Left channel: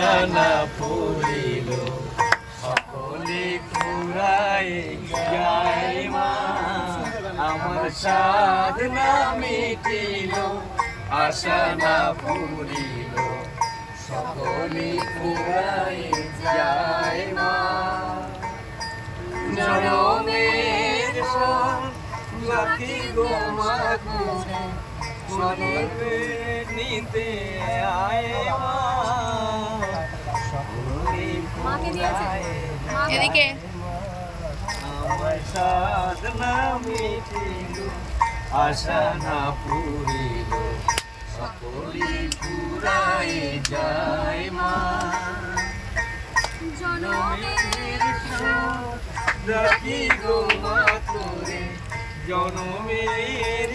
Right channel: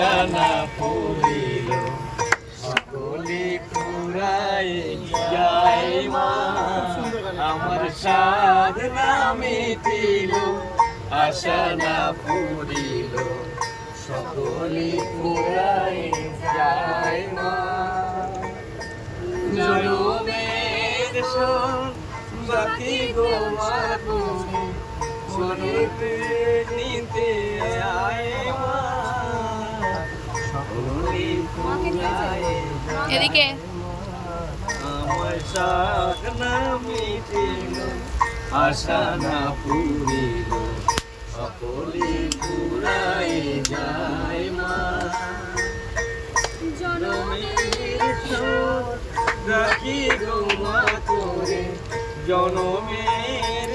না পুরিল সকলি পুরাই যায় মা আমার সাধনা মিটিল আশা না পুরিল সকলি পুরাই যায় মা জনমের জাতি গো মা সনতে নিতে আয় মা এদিকে আমার সাধনা মিটিল আশা না পুরিল সকলি পুরাই যায় মা জনমের রাখি গো মা তোরে জনমের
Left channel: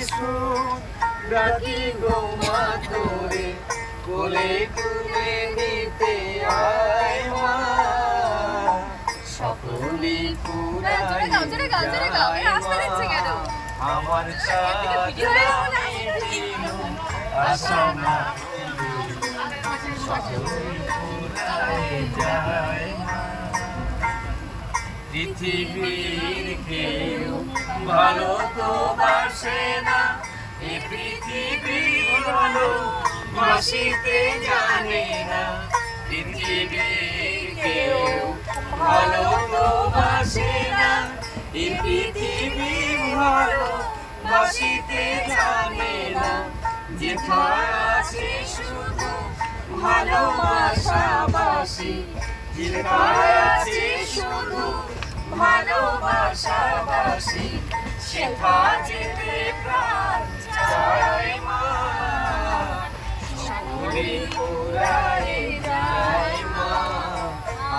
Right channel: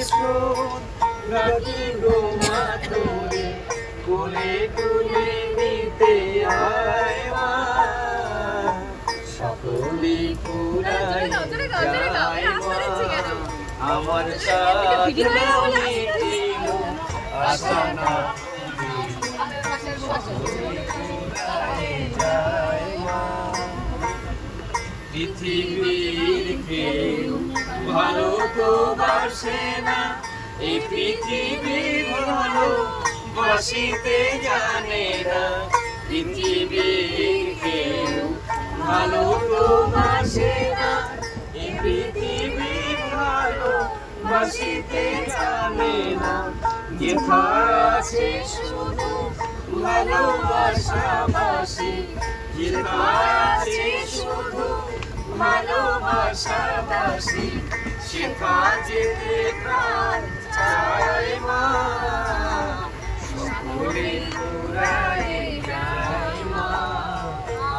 রাখি গো মা তোরে কোলে তুলে নিতে আয় মা সকলি পুরাই যায় মা আমার সাধনা মিটিল আশা না পৃথিবীর কেউ ভালো তো বাসে না এই পৃথিবী ভালো বাসিতে জানে না পৃথিবীর কেউ ভালো তো বাসে না এই পৃথিবী ভালো বাসিতে জানে না যেথা আছে শুধু ভালোবাসাবাসি যেথা আছে শুধু ভালোবাসাবাসি সেথা যেতে প্রাণ চায় মা সকলে পুরাই যায় মা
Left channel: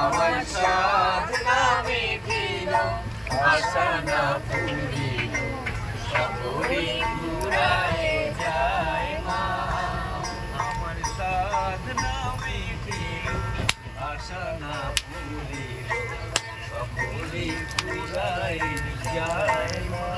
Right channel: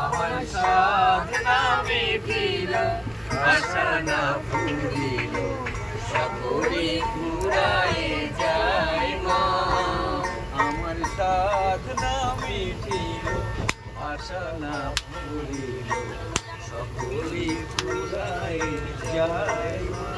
আমার সাধনা মিটিল আশা না পুরিল সকলে পুরাই যায় মা আমার সাধনা মিটিল আশা না পুরিল সকলে পুরাই যায় মা।